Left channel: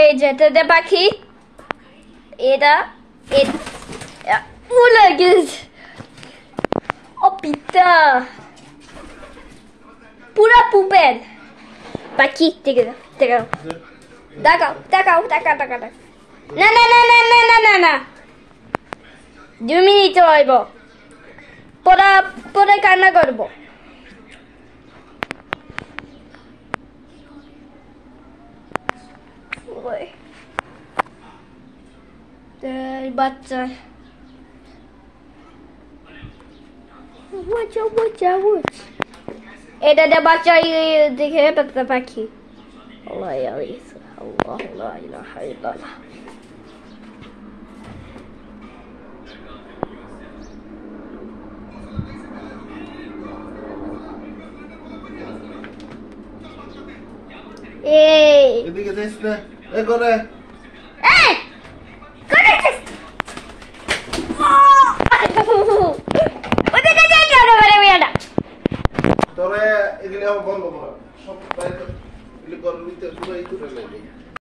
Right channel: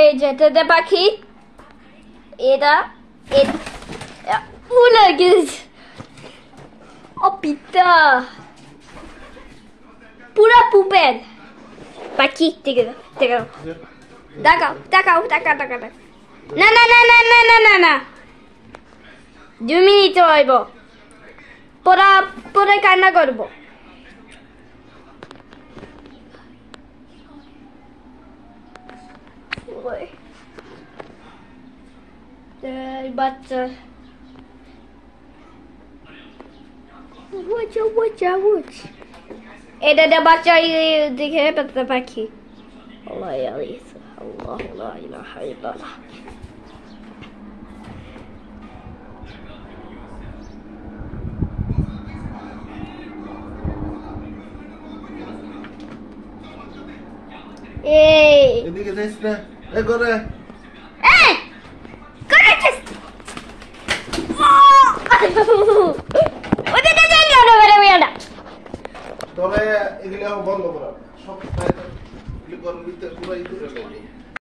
এই যে তোদের পাখি এটা উড়ে গেছে ও পিতা পুরা পুপেল পাখি দেখাও না 2 মিনিট হইব পরে কান্না করবো বাচ্চা এটা দিয়ে বাচ্চা দেখে পেতে পাখি আল্লাহ লা ইলাহা ইল্লাল্লাহ এদিকে যাইস না এ করে তবে এগুলো বন্ধ করা সব পুরো